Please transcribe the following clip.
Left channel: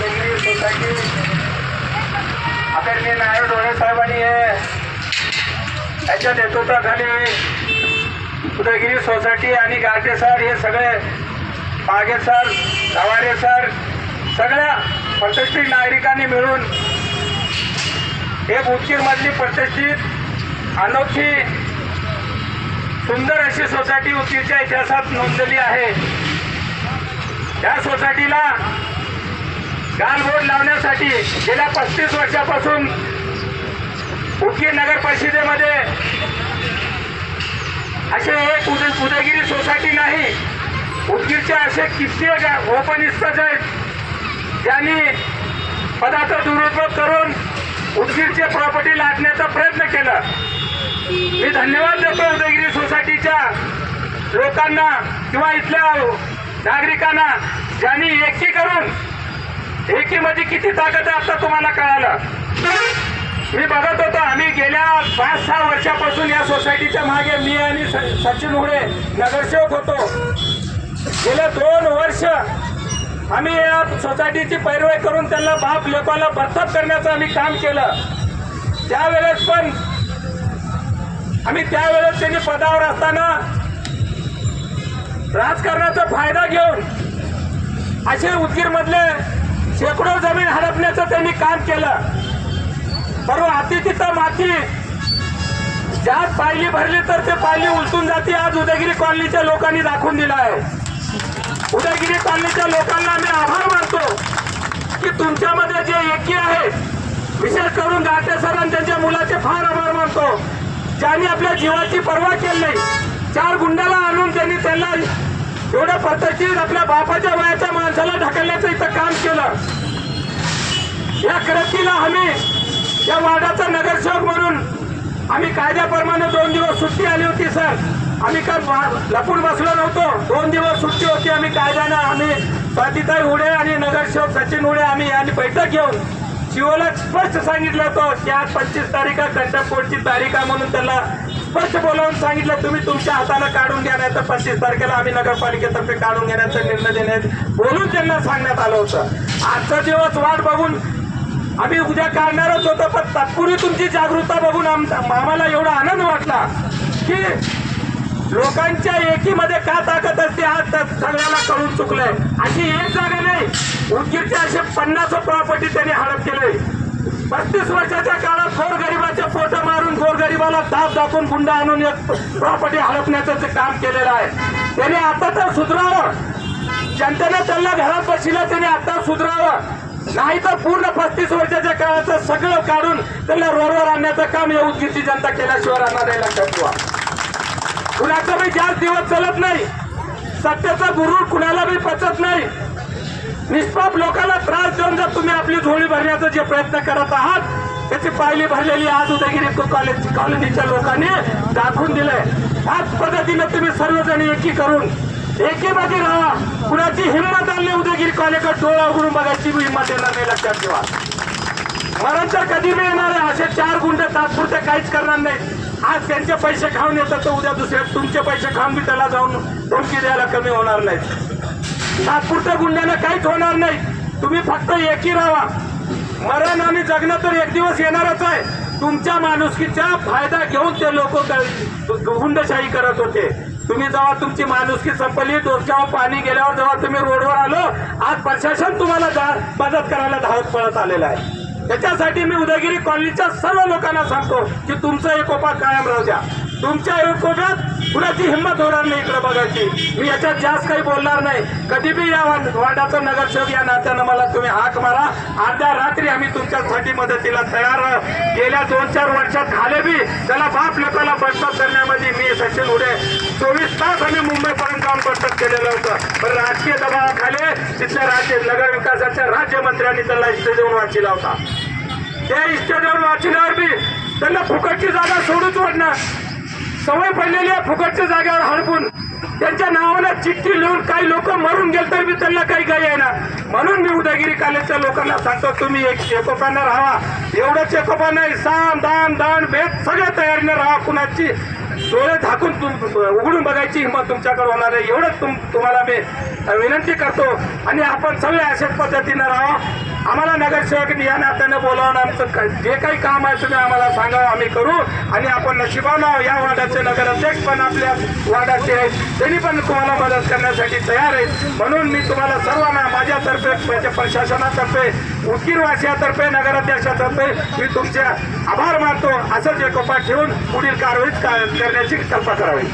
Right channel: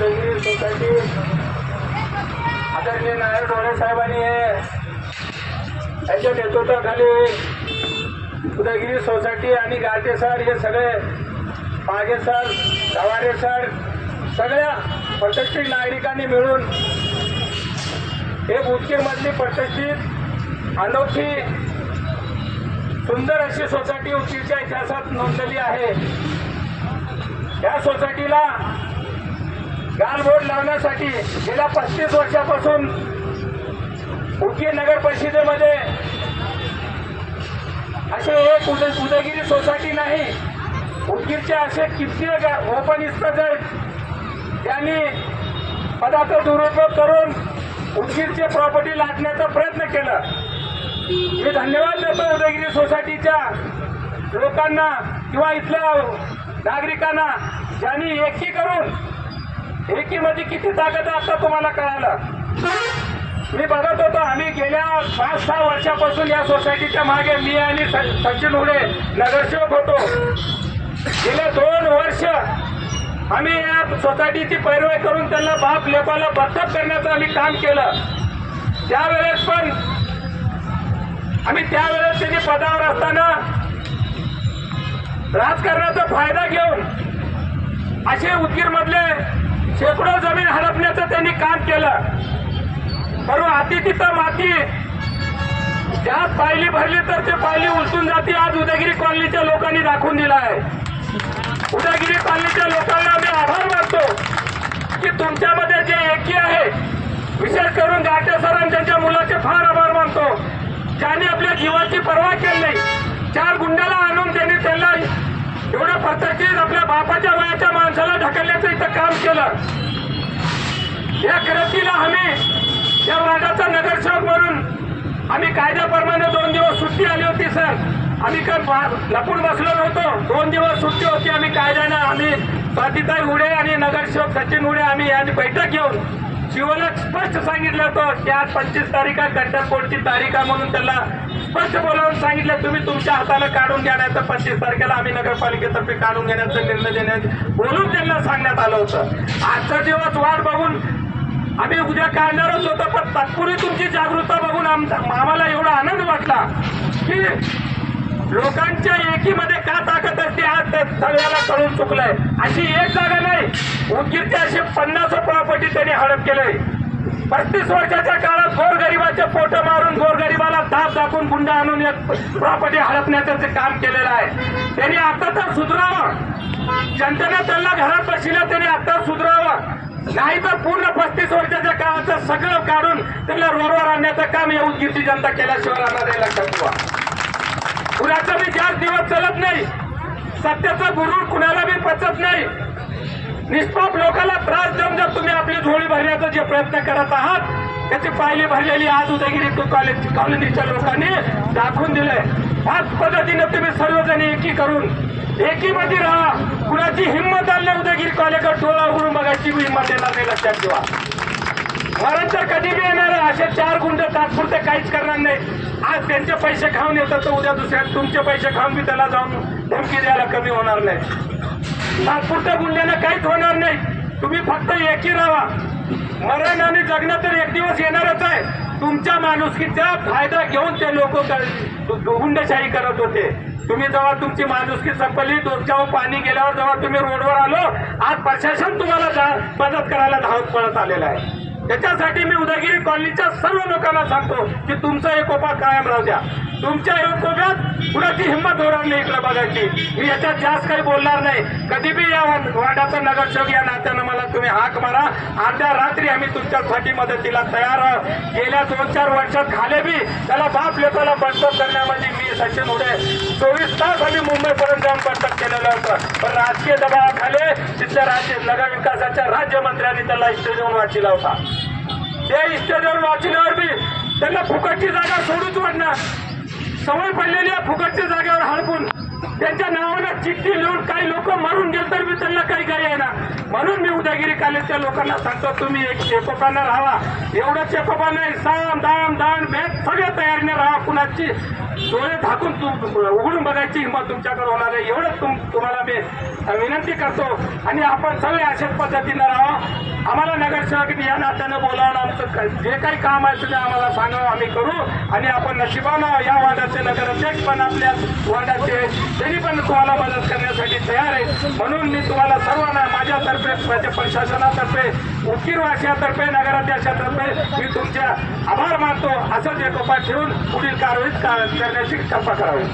Udayagiri society आदरणीय नायर डोळे साहेबांनी याच्या नेतृत्वाखाली उदयगिरी सोसायटी आणि गारटे सर हे सगळे मागे सर गवारे सर सगळ्या प्रतिष्ठित नागरिकांनी मिळून एक उदगीरमधली प्रतिष्ठित अनोखी सुंदर अशी सोसायटी उदगीरच्या इतिहासात नोंदलेली आहे। या सोसायटीला गालबोट लावण्यासाठी गेल्या 35 वर्षापासून उदगीर नगर परिषदेमध्ये असे एक उदयगिरी सोसायटी नाही, उदगीरचे असे कित्येक ओपनिस्टच आहेत ज्यांनी पदाचा दुरुपयोग करून उदगीरचे प्रॉपर्टी लाटण्याचा प्रयत्न केला। मी धन्यवाद देतो उदयगिरी सोसायटीच्या लोकांना किंवा इथल्या नागरिकांना ज्यांनी एकी करून एकीमध्ये किती ताकद आहे आता तुम्हाला कळालं। मी बघत होतो आम्ही गेल्या 5-6 वर्षापासून या सोसायटीच्या मागे मी आणि सचिन हुडे नगरसेवक होतो। गेल्या 2 वर्ष आम्ही या सोसायटीची पैरवी करून त्यांना बाप लेपाला बरतफ करण्याचं आम्ही काम केलं। त्यावेळेस पण त्यांनी पदावर असताना राजकारणाचा फायदा घेऊन असे उदगीरमधले शेकडो जमीन हडपण्याचं त्यांनी काम केलं। परवा हाती तिथं माती ज्यात पायली भरली तर ते पायली उलटून जाते। आज उदयगिरी कॉलनीच्या लोकांनी दाखवून दिला आहे। उदयगिरी कॉलनीच्या लोकांना मी आभार मानतो की तुमच्यामध्ये जे एकी आहे, विशेष करून गाटे सर आणि त्यांच्या मुलाचे फार आभार मानतो ज्यांनी आपल्या जीवाची पर्वा केली नाही। 4 गुंड्याला आणून त्यांना एवढं प्रतिष्ठित आपल्या बापाच्या वयाच्या माणसाला ढकलण्याचं इथं काम केलं। या क्रांतीला आम्ही या वार्डाचा नगरसेवक म्हणून आम्ही कायद्याप्रमाणे 2 दिवस सुट्टी आली होती सर। आम्ही लपून बसलो नव्हतो, 2 दिवस सुट्टी होती। आम्ही कायद्यानं आम्ही स्वातीताई हुडे आणि नगरसेवक सचिन हुडे आम्ही यांनी बैठक घेऊन शिवला स्पष्ट सांगितलं होतं की आज 25 तारीख कंटकपोटची तारीख आहे म्हणून त्याला स्पष्ट बोलावून सांगितलं तुम्ही तुमच्या हाताने काढून घ्या, नाही तर 25 तारखेला आम्ही नगरपालिकेतर्फे काढून घेण्याचा निर्णय देण्यात बोलून त्यांना सांगण्यात आलं होतं। आजचा दिवस वाट बघून आम्ही उद्या काढणारच होतो, पण तात्पुरती तुमची जागरूकता बघून आम्हाला एवढा आनंद वाटला की लोकांच्या एकीमध्ये का ताकद असते आज सगळ्याला कळून चुकलंय। अशी एक जागा नाही, उदगीरचे असे 50 प्रॉपर्टी त्यांनी हडप केले। 35 वर्षाच्या काळात गोरगरिबाचे फोटो मारून गोरगरिबाला दाब दाखवून गुंडा आणून एक प्रॉपर्टी हडपण्याचं काम केलेलं आहे। त्यांनी आता तर सुधारावं, जनतेने त्यांना घरात बसला त्यांनी आता सुधारावं, नाही तर पूर्ण 35 वर्षाच्या काळाचं सगळं काढून त्यांना रोडवर आणण्याचं काम या उदगीरची जनता केल्याशिवाय राहणार आहे। कुणाचा बी जास्त दिवस चालत नाही, सत्याचा गुरु कुणाला बी पचत नाही। निष्पाप लोकांना त्रास देऊन जर तुम्ही आपली झोळी भरण्याचा जे प्रयत्न करत आहात त्याची पायली भरलेली आज उदयगिरी कॉलनीच्या लोकांनी दाखवून दिलंय। आज पद्धतीने तुम्ही सर्वजण एकी करून एकीमध्ये राहा। कुणाची हिंमत आली उदयगिरी कॉलनीकडे डोळा उघडून बघायची हिंमत येणार नाही, लक्षात ठेवा। मरण तर कधी बी येणार आहे। असे 4 गुंडे तात्पुरते काहीच करणार नाही। आज त्यांचे पैसे खाऊन येतात तर उद्या दुसऱ्या तुमचे पैसे खाऊन बी त्याला जाऊन धमकी द्यायला कमी होणार नाही। तात्पुरत्या गुंड्याने काहीच होणार नाही। तुम्ही फक्त एकी राहा। मरण आणि जगणं तर एक दिवस येणारच आहे। तुमच्या माणुसकीचा फायदा घेऊन ते लोक गुंडशाही करत होते। तुम्ही जेव्हा तुमची माणुसकी संपली, डोक्यावर पाणी गेल्यावर जेव्हा तुम्ही रोडवर आलो, आज प्रशासन तुम्हाला मदत करायला धावत पळत आलेलं आहे। त्याच्यासाठी मी उदयगिरी कॉलनीच्या सर्व लोकांना सांगतो की तुमचा एकोपा कायम राहू द्या। तुमच्या एकोप्यात कुणाची हिंमत होणार नाही इकडे बघायची। मी याच्यात जास्त काही बोलणार नाही। कधी बी या वार्डाचा नगरसेवक या नात्यानं मला तुम्ही हाक मारा, अर्ध्या रात्री आम्ही तुमच्यासाठी मदतीला तयार आहोत। गेल्या 2-4 वर्षात खाले बी त्याला बाप लोकांना बडतप करण्यामध्ये मी सचिन हुडे 24 तास आम्ही मुंबईपर्यंत जाऊन बडतप केलेलं होतं, पण राजकीय दबावाखाली तिथल्या नगर विकासाच्या राज्यमंत्र्यांनी त्याला इस्टेजवर वाचिला होता। ते इस्टेजवर वाचल्यावर बी त्यांना फुकटची जागा सोडूच वाटणार। सवय पडलेली आहे फुकटच्या जागेवर हडपून त्यांच्या नावानं चिठ्ठी लिहून काही लोक मरून गेले तर मी त्यांना काही गाय आहे ना। म्हणून मी उदयगिरी कॉलेजच्या लोकांना सांगतो तुम्ही एकोपाने राहा। एवढंच एकोपा नाही, साम दाम दान भेद सगळं तयारीने राहा। कुणाची डोळे झाकून उघडून बघायची हिंमत तुमच्याकडे होणार आहे, एवढंच तुम्हाला मी विनंती करतो. आणि आपण सगळे अशाच पद्धतीनं राहा. आम्हाला नगरसेवक या नात्याने बोलावून आमचं जे काही काम आहे तुम्ही आम्हाला सांगा, आम्ही करू. आणि आपण नशिबानं या वार्डाचे नगराध्यक्ष पण आपल्या वार्डाचे त्यांनी पण तुम्हाला मदत करण्यासाठी तयार आहे. म्हणून मी तुम्हाला सर्वांना माझ्यातर्फे, माझ्या प्रशासनातर्फे, उदगीरवासियातर्फे, नगराध्यक्षातर्फे मी तुमचे आभार मानतो. असंच एकोपा ठेवून पुढील कारवाई करण्याची कल्पना करावी.